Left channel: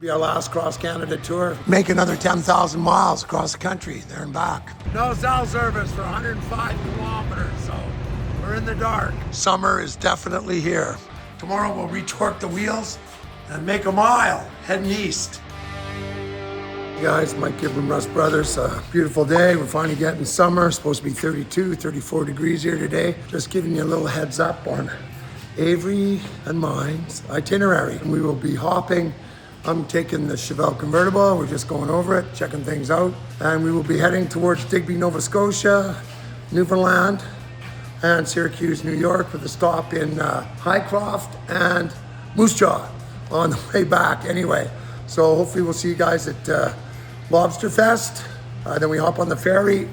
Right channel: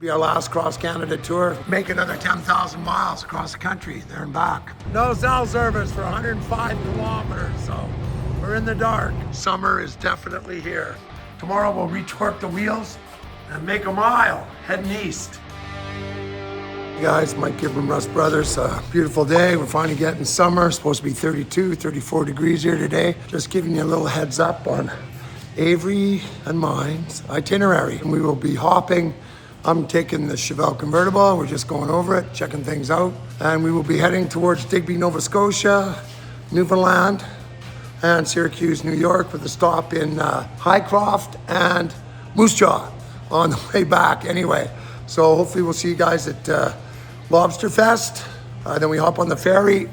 Be our last cross-Canada tour. Make another 10,000 miles across the country, there and back. No cell service for 105 kilometers, so we're in the dark. Summer is definitely here. Tomorrow we'll retorque the wheels and make a mile, heading east. Hey guys, Mike and Avery, Russ Brothers. Beautiful day. We're finally getting summer. It's supposed to be 32, 34 degrees here today. Just giving you a little heads up on Avery and mine's itinerary. And we will be hopping. I'm taking the Chevelle convertible. We're just going over it, checking things out. And we will be heading towards Digby, Nova Scotia, Newfoundland, and Syracuse, New York, with a stop in Highcroft and Moose Jaw on the way back anyway. So hopefully we'll see you guys at Lobster Fest. Then we hop on the ferry.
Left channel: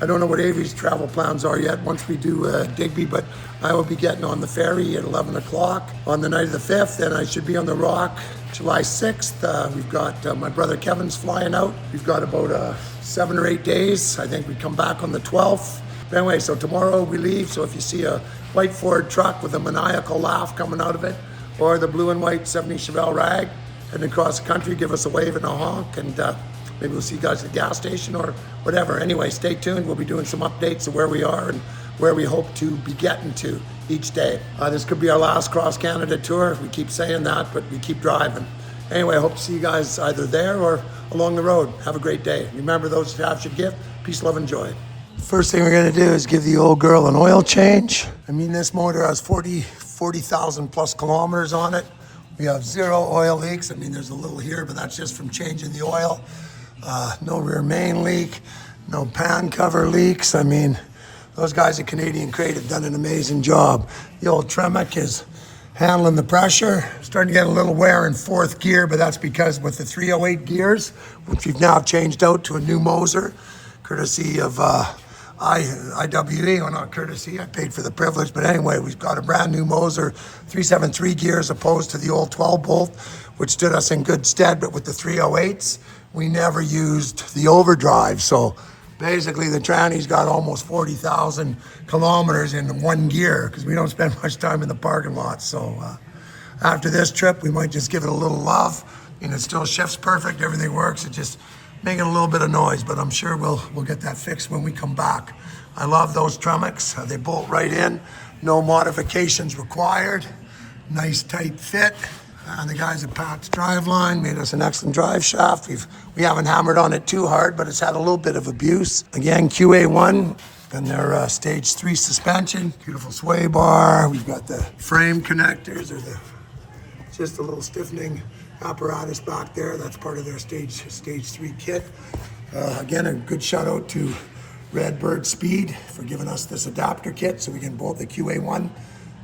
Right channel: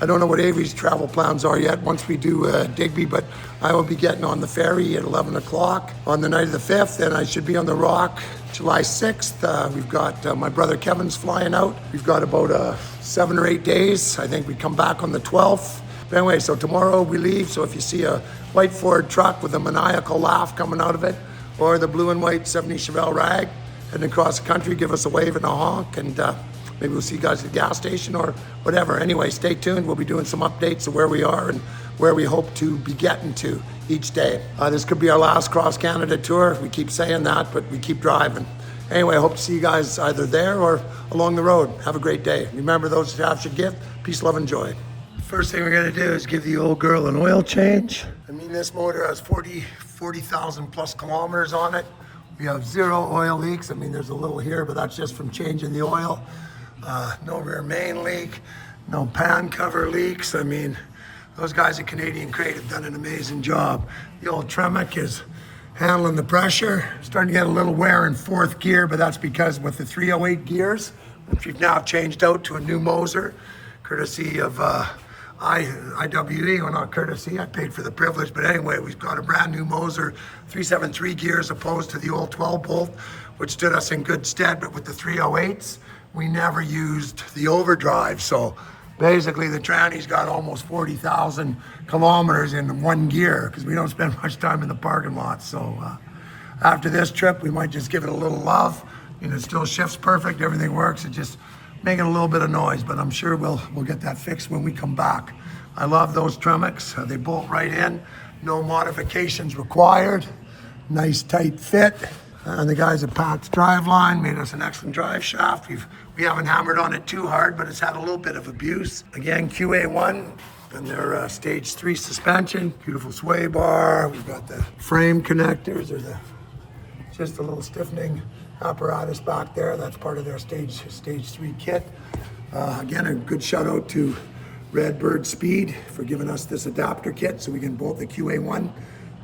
I don't know what Avery's travel plans are yet once we do Digby, but I will be getting on the ferry at 11 o'clock on the night of the 5th, and I should be on the Rock July 6th. We've got my brother Kevin's flying out. We've got about 7 or 8 days. I think we come back on the 12th. But anyway, so tomorrow we leave. So if you see a white Ford truck with a maniacal laugh coming out of it, or the blue and white 70 Chevelle rag heading across the country, give us a wave and a honk, and maybe we'll see you guys at the gas station or whatever. Anyway, stay tuned. We'll be doing some updates of where we are and where we hope to be getting to each day. This could be our last cross-Canada tour. We keep saying that, but we keep driving. Anyway, I hope to see you guys either there or along the road. Have a great day. Remember, those who have should give. Peace, love, and joy. First thing we're gonna do is give the old girl an oil change. I mean, this motor has 40,000 plus kilometers on it. We have 0 oil leaks. I mean, there's a little here, but that's just from changing the oil. No rear main leak, no pan cover leaks. I mean, those guys at Canadian Crate have done an amazing job. The old Tremec is handling the pressure. Starting to get a little wear in 4th gear, but that's because with the 308 gears, which we've now changed out to a new Moser, courtesy of IWE, or not courtesy, I paid for the privilege, but anyway, we've got a brand new Moser 373 gears opposed to the old 12 bolt, which stood us in good stead, but with the 308s, we never used the overdrive. So basically the tranny's got almost 40,000 kilometers in one gear because we don't spend much time in the parking lot. So after this trip, we might just give it a little love. And it still shifts perfect, everything works. It just making a little bit of noise, but I'm sure we'll get that fixed when we come back. I love those Tremecs. They bolt right in, no modifications required. Nice tight fit. And the guys at Pat's Driveline made us an excellent drive shaft. We haven't hammered on it too hard, but it's had a little bit of abuse. Again, QA1 and their stage 3 suspension. Beautiful sway bar. We've got the frame connectors. There's just a little stiffening apparatus back there. That's part of their stage 3 kit. Again, a good shout out to Redbird Speed for giving us this adapter kit so we can bolt the QA1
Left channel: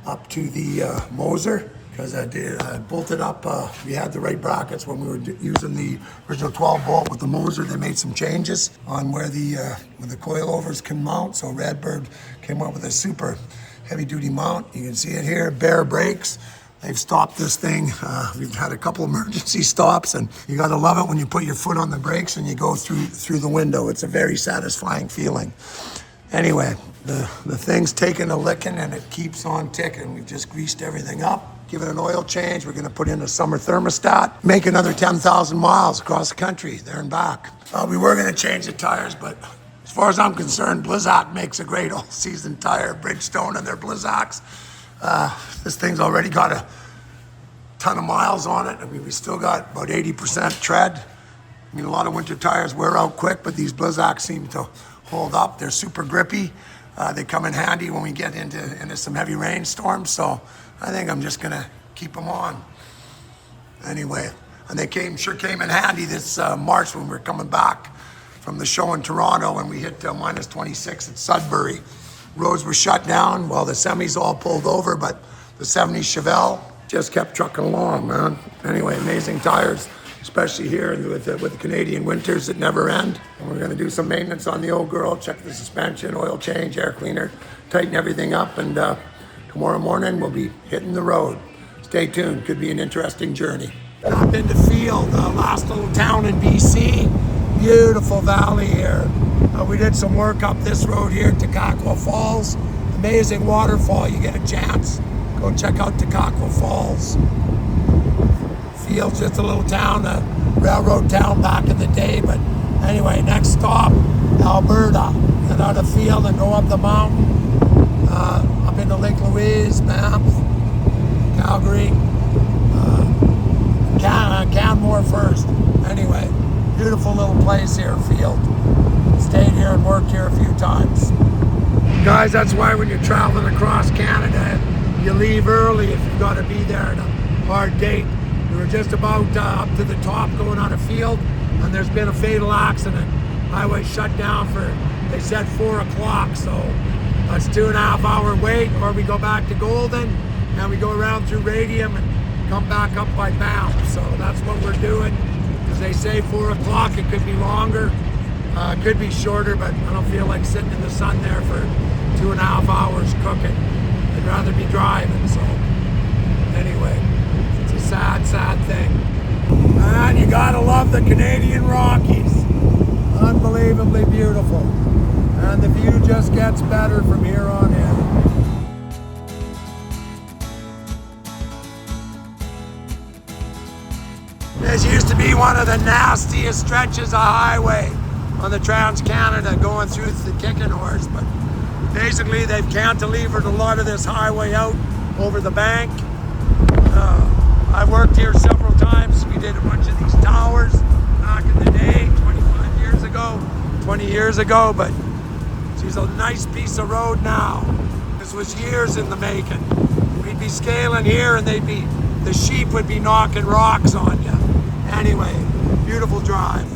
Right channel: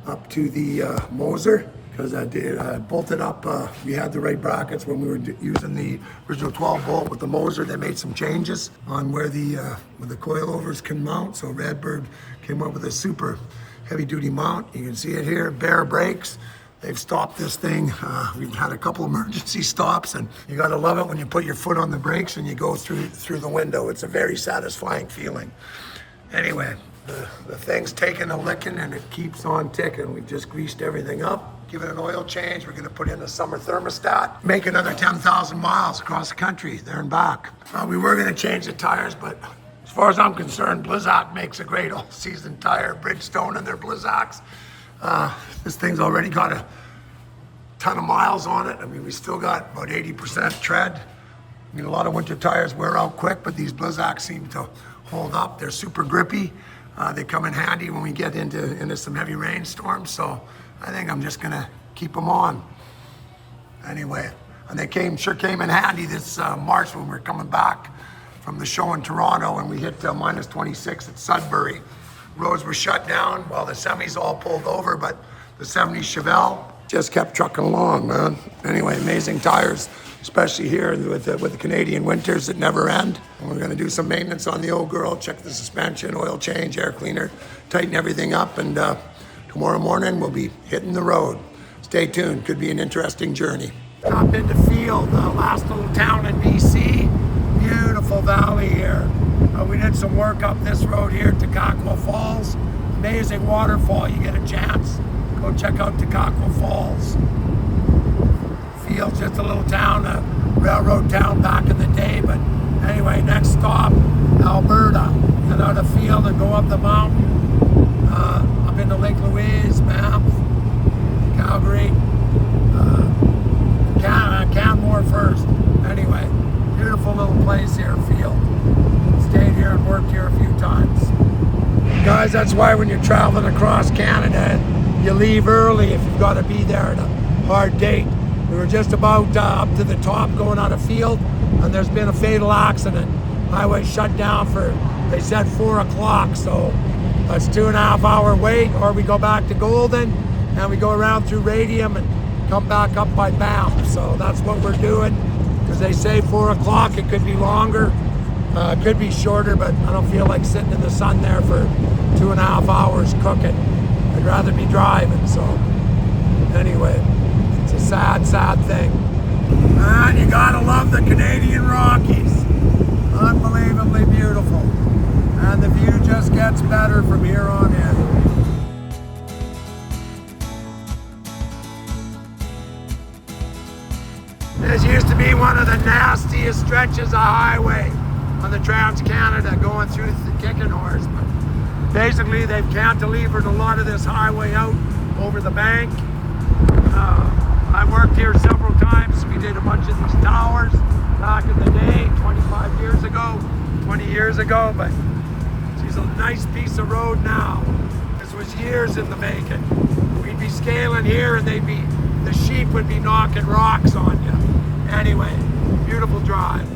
up to the Moser. Because I bolted up, we had the right brackets when we were using the original 12 bolt with the Moser. They made some changes on where the coilovers can mount. So Redbird came up with a super heavy duty mount. You can see it here, bare brakes. They've stopped this thing. We've had a couple emergency stops, and you gotta love it when you put your foot on the brakes and you go through the window. It's a very satisfying feeling. Anyway, the thing's taking a licking and it keeps on ticking. We've just greased everything up. Give it an oil change. We're gonna put in a summer thermostat. Make another 10,000 miles across the country, there and back. We were gonna change the tires, but as far as I'm concerned, Blizzak makes a great all-season tire. Bridgestone and their Blizzaks. This thing's already got a ton of miles on it. I mean, we still got about 80% tread. I mean, a lot of winter tires wear out quick, but these Blizzaks seem to hold up. They're super grippy. They come in handy when we get into some heavy rainstorms. So I think I'm just gonna keep them on. Anyway, and they sure came in handy this March when we were coming back from the show in Toronto, and we hit minus 26 at Sudbury. Roads were shut down. Well, the semis all pulled over, but the 70 Chevelle just kept trucking along, man. Anyway, amazing tires, especially here with the Canadian winters that never end. And we're gonna do some maintenance on the old girl, check the suspension, oil change, air cleaner, tighten everything up, and tomorrow morning we'll be hitting the road. Stay tuned, could be an interesting journey. Up into Field, the last little town in BC. Beautiful valley here. We did some work up this road here, Takakwa Falls. Amazing waterfall. You get a chance, go check out Takakwa Falls. Field's just a little town, a railroad town back in the day. But anyway, next stop, Alberta. Get out of Field and go up the mountain, up into Lake Louise, Banff, Calgary, Canmore first. Anyway, beautiful little place here, Field. Stayed here and worked here a few times. Guys, that's why when you're traveling across Canada, you leave early if you've got to be there at a hard date. We were just about up to the top going on a field, and there's been a fatal accident. Highway shut down for, they said 4 o'clock, so that's 2.5 hour wait, or we go back to Golden and we go around through Radium and come back up by Banff. So that's what we're doing, because they say 4 o'clock, it could be longer, it could be shorter, but I don't feel like sitting in the sun there for 2.5 hours cooking. I'd rather be driving, so anyway, it's a sad, sad thing. And you gotta love the Canadian Rockies. Unbelievably beautiful. And the view just gets better from here on in. This used to be one of the nastiest stretches of highway on the Trans-Canada going through the Kicking Horse, but basically they've cantilevered a lot of this highway out over the bank. I worked here several times. We did a bunch of these towers back in the day, 25 years ago, 20 years ago, but it's a nice piece of road now. This was years in the making. We'd be scaling here and the sheep would be knocking rocks on you. Anyway, beautiful drive.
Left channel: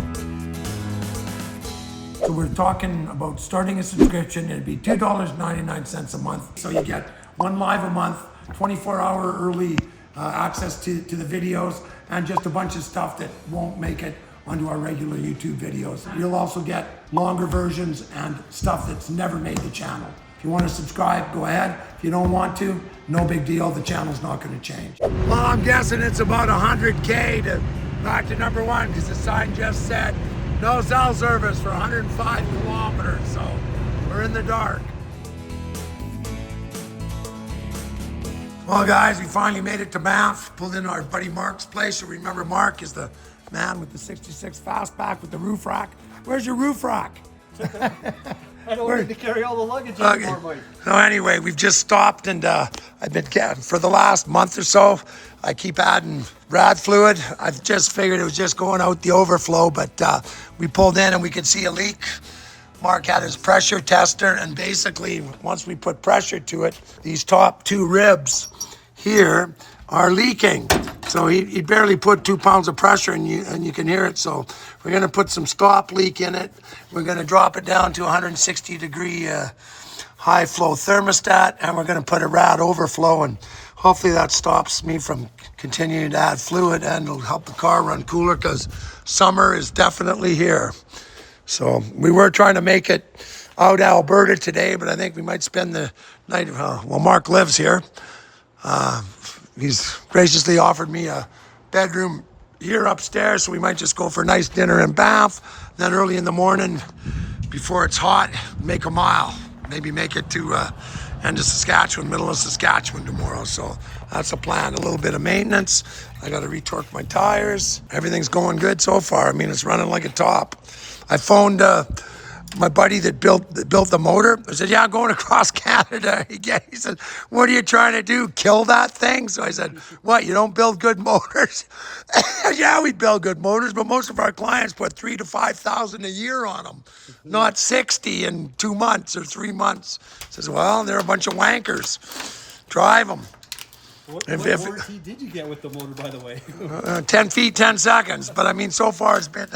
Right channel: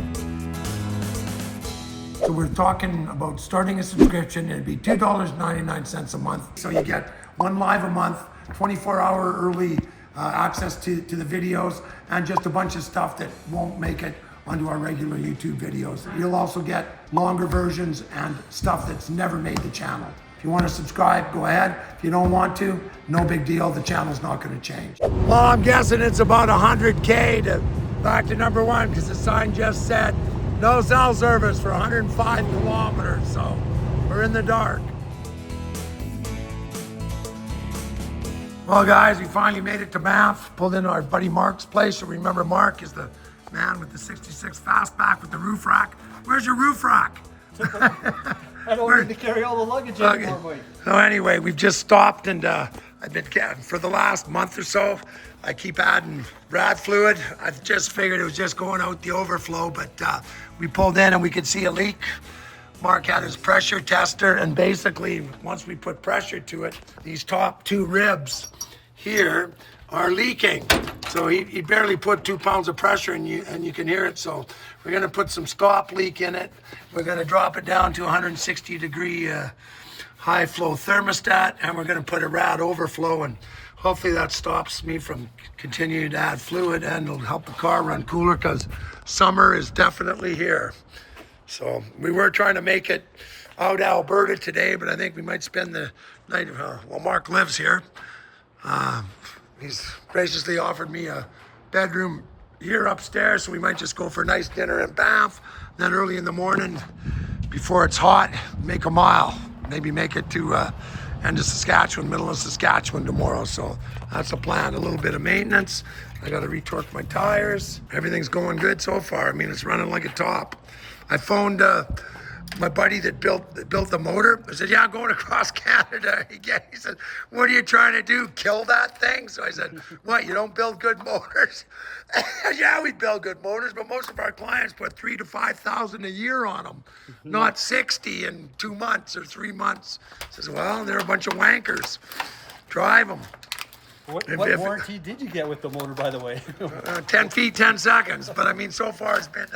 So we're talking about starting a subscription. It'd be $2.99 a month. So you get 1 live a month, 24-hour early access to the videos, and just a bunch of stuff that won't make it onto our regular YouTube videos. You'll also get longer versions and stuff that's never made the channel. If you want to subscribe, go ahead. If you don't want to, no big deal. The channel's not going to change. Well, I'm guessing it's about 100K to back to number 1, because the sign just said no cell service for 105 kilometers, so we're in the dark. Well, guys, we finally made it to Banff. Pulled in our buddy Mark's place. You remember Mark is the man with the 66 fastback with the roof rack. Where's your roof rack? I don't need to carry all the luggage anymore, Mike. So anyway, we've just stopped, and I've been, for the last month or so, I keep adding rad fluid. I've just figured it was just going out the overflow, but we pulled in and we could see a leak. Mark had his pressure tester, and basically, once we put pressure to it, these top 2 ribs here are leaking. So he barely put 2 pounds of pressure, and you can hear it. So we're gonna put some stop leak in it. We're gonna drop it down to 160 degree high flow thermostat, and we're gonna put a rad overflow, and hopefully that stops me from continuing to add fluid, and it'll help the car run cooler, because summer is definitely here. So we were trying to make it out Alberta today, but I think we might spend the night, well, Mark lives here. He's graciously offered me a bedroom here upstairs, so we might just go for a nice dinner in Banff. Then early in the morning, before it's hot, make a mile. Maybe make it to end of Saskatchewan, middle of Saskatchewan tomorrow. So that's a plan, a little bit of maintenance. I got to retorque my tires. Everything's going good so far. I mean, it's running like a top. I phoned my buddy that built the motor. I said, yeah, I'm going across Canada again. He said, what are you trying to do, kill that thing? So I said, what, you don't build good motors? Yeah, we build good motors, but most of our clients put 3,000 to 5,000 a year on them, not 60 in 2 months or 3 months. He says, well, they're a bunch of wankers. Drive them. What warranty did you get with the motor, by the way? 10 feet, 10 seconds. But I mean, so far it's been,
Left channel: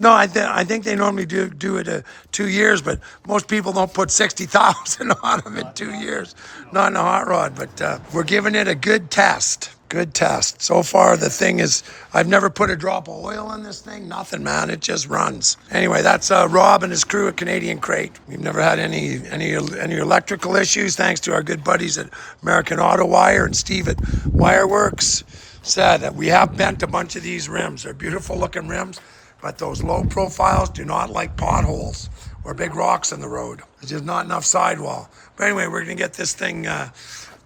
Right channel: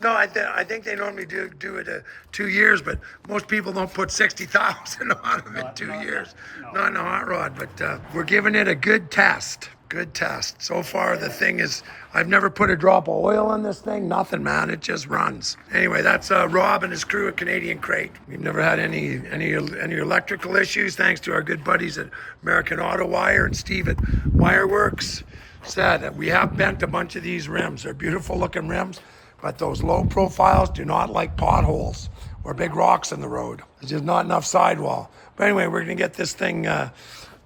no, I think they normally do it 2 years, but most people don't put 60,000 on them in 2 years. Not in a hot rod, but we're giving it a good test. Good test. So far, the thing is, I've never put a drop of oil on this thing. Nothing, man. It just runs. Anyway, that's Rob and his crew at Canadian Crate. We've never had any electrical issues, thanks to our good buddies at American Auto Wire and Steve at Wireworks. Said that we have bent a bunch of these rims. They're beautiful looking rims, but those low profiles do not like potholes or big rocks in the road. There's just not enough sidewall. But anyway, we're gonna get this thing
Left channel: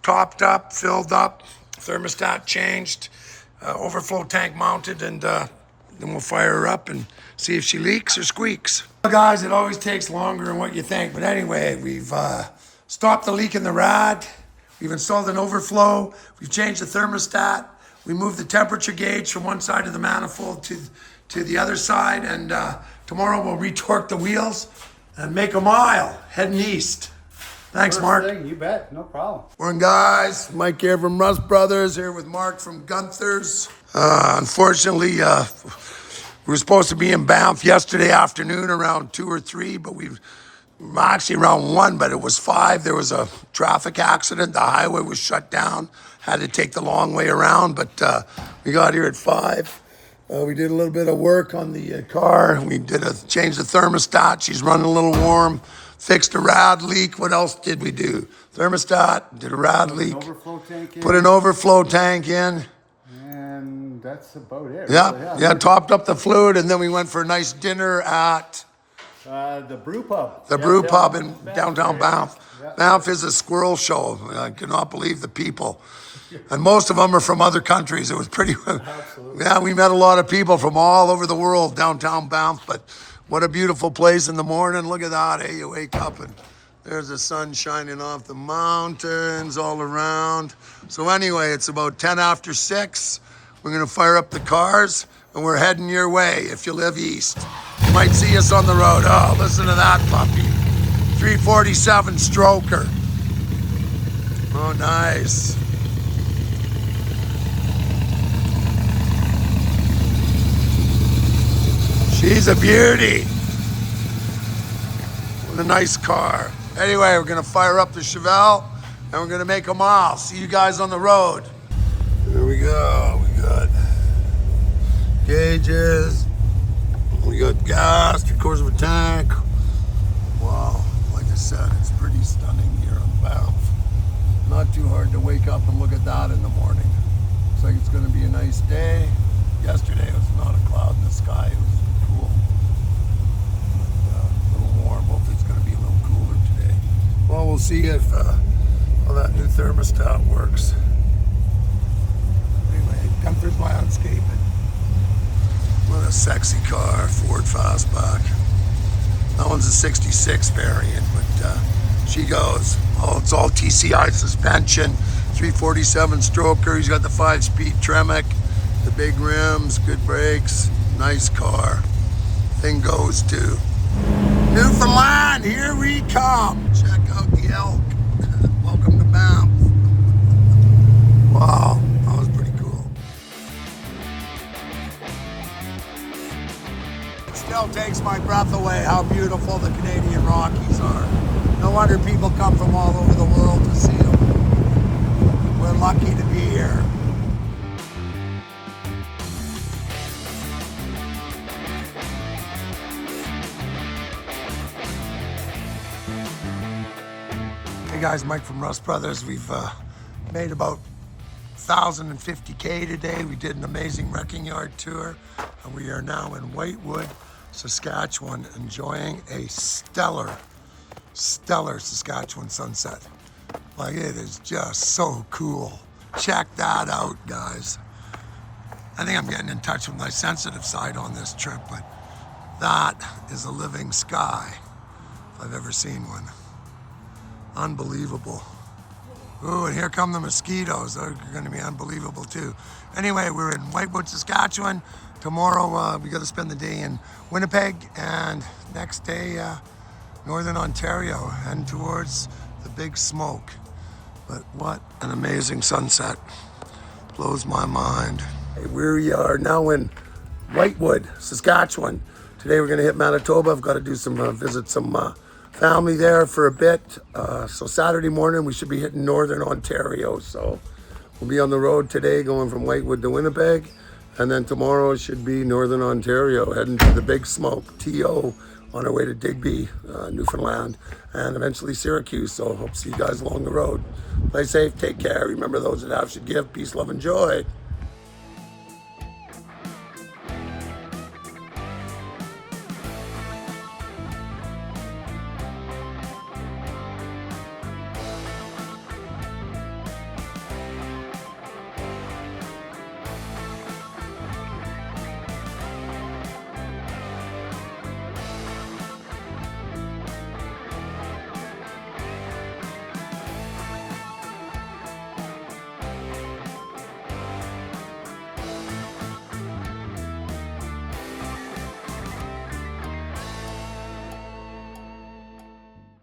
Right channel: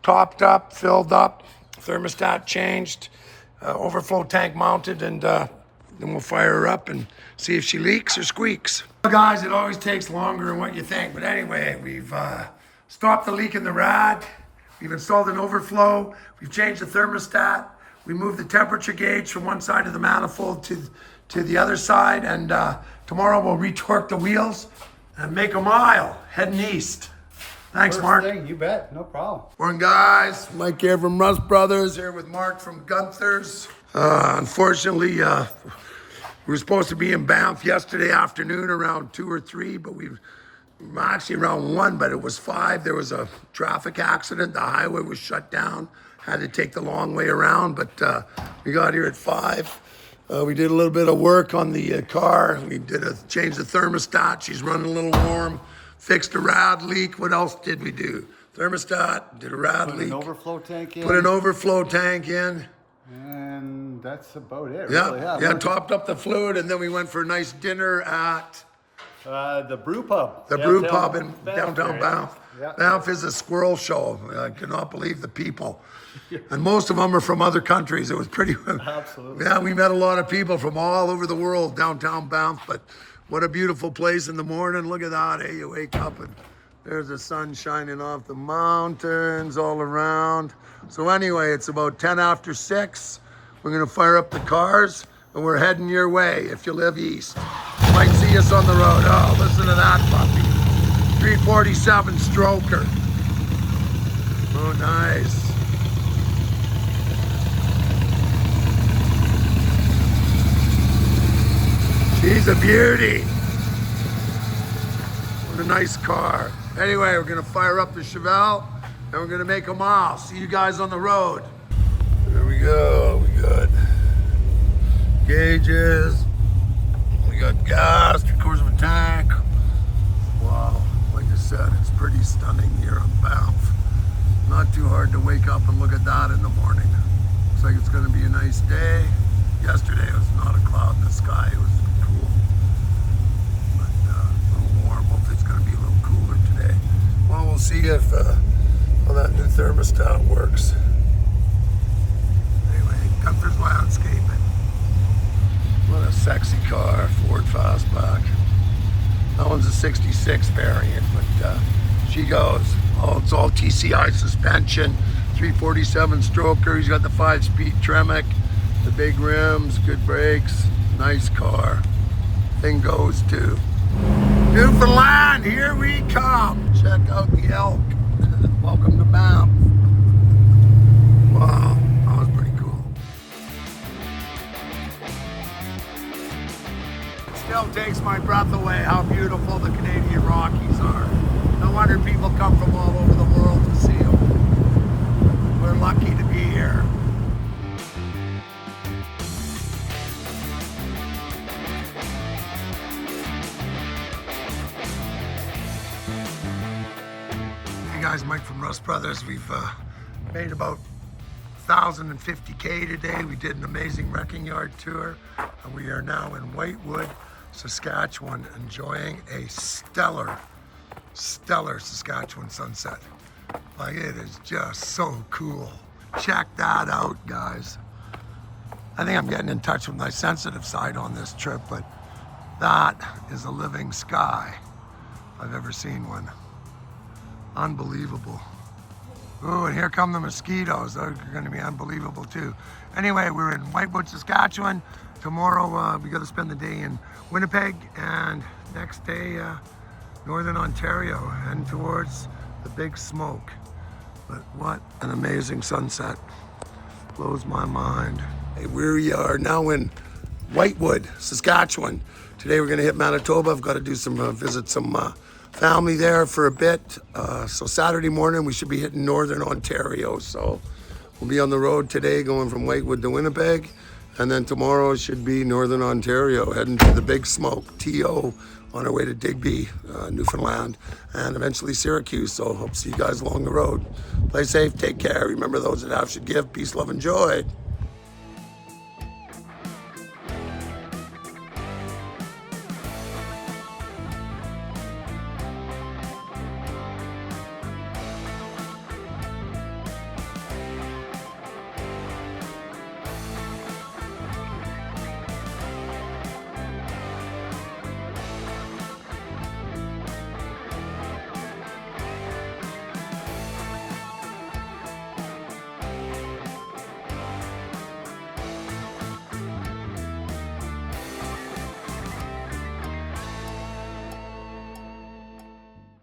topped up, filled up, thermostat changed, overflow tank mounted, and then we'll fire her up and see if she leaks or squeaks. Well, guys, it always takes longer than what you think. But anyway, we've stopped the leak in the rad. We've installed an overflow. We've changed the thermostat. We moved the temperature gauge from one side of the manifold to the other side. And tomorrow we'll retorque the wheels and make a mile heading east. Thanks, First Mark. thing, you bet, no problem. Morning, guys. Mike here from Rust Brothers, here with Mark from Gunther's. Unfortunately, we were supposed to be in Banff yesterday afternoon around 2 or 3, but we were actually around 1, but it was 5. There was a traffic accident. The highway was shut down. Had to take the long way around, but we got here at 5. We did a little bit of work on the car. We did change the thermostat. She's running a little warm. Fixed a rad leak. What else did we do? Thermostat, did a rad leak. Put an overflow tank in. Put an overflow tank in. And that's about it. Yeah, Really. yeah, topped up the fluid, and then we went for a nice dinner at The brew pub. the brew pub in downtown Banff. Yeah. Banff is a squirrel show. I cannot believe the people. And most of them are from other countries. It was pretty, Absolutely. yeah, we met a lot of people from all over the world downtown Banff, but what a beautiful place in the morning. Look at that, hey, you wake up and there's the sun shining off the mountains all around. So anyway, it's about 10 after 6. We're gonna fire up the cars and we're heading your way if you live east. You might see us on the road. Oh, listen to that puppy. 347 stroker. Oh, nice. She's a beauty. What a nice car. Anyway, we're gonna fire up the Chevelle and we're gonna make a mile. See you guys on the road. Here we go. We got gauges. We got gas, 3/4 of a tank. Wow, like I said, it's pretty stunning here on Banff. Not too hard to wake up and look at that in the morning. Looks like it's gonna be a nice day. Yesterday it was not a cloud in the sky. It was cool. But a little warm. Hopefully it's gonna be a little cooler today. Well, we'll see if how that new thermostat works. Anyway, Gunther's Landscaping. What a sexy car, Ford Fastback. That one's a 66 variant, but she goes. Oh, it's all TCI suspension, 347 stroker. He's got the 5-speed Tremec, the big rims, good brakes, nice car. Thing goes too. Newfoundland, here we come. Check out the elk. Welcome to Banff. Wow, that was pretty cool. It still takes my breath away how beautiful the Canadian Rockies are. No wonder people come from all over the world to see them. We're lucky to be here. Hey guys, Mike from Rust Brothers. We've made about 1,050K today. We did an amazing wrecking yard tour. And we are now in Whitewood, Saskatchewan, enjoying a stellar Saskatchewan sunset. Like, it is just so cool. Check that out, guys. I think I'm getting in touch with my sensitive side on this trip, but that is a living sky, if I've ever seen one. Unbelievable. Ooh, and here come the mosquitoes. They're gonna be unbelievable too. Anyway, we're in Whitewood, Saskatchewan. Tomorrow, we gotta spend the day in Winnipeg, and next day, Northern Ontario, heading towards the big smoke. But what an amazing sunset. Blows my mind. Hey, we are now in Whitewood, Saskatchewan. Today we're gonna hit Manitoba. I've gotta do some, visit some family there for a bit. So Saturday morning we should be hitting Northern Ontario. So we'll be on the road today going from Whitewood to Winnipeg. And then tomorrow should be Northern Ontario, heading to the big smoke, TO, on our way to Digby, Newfoundland, and eventually Syracuse. So hope to see you guys along the road. Play safe, take care. Remember, those that have should give. Peace, love, and joy.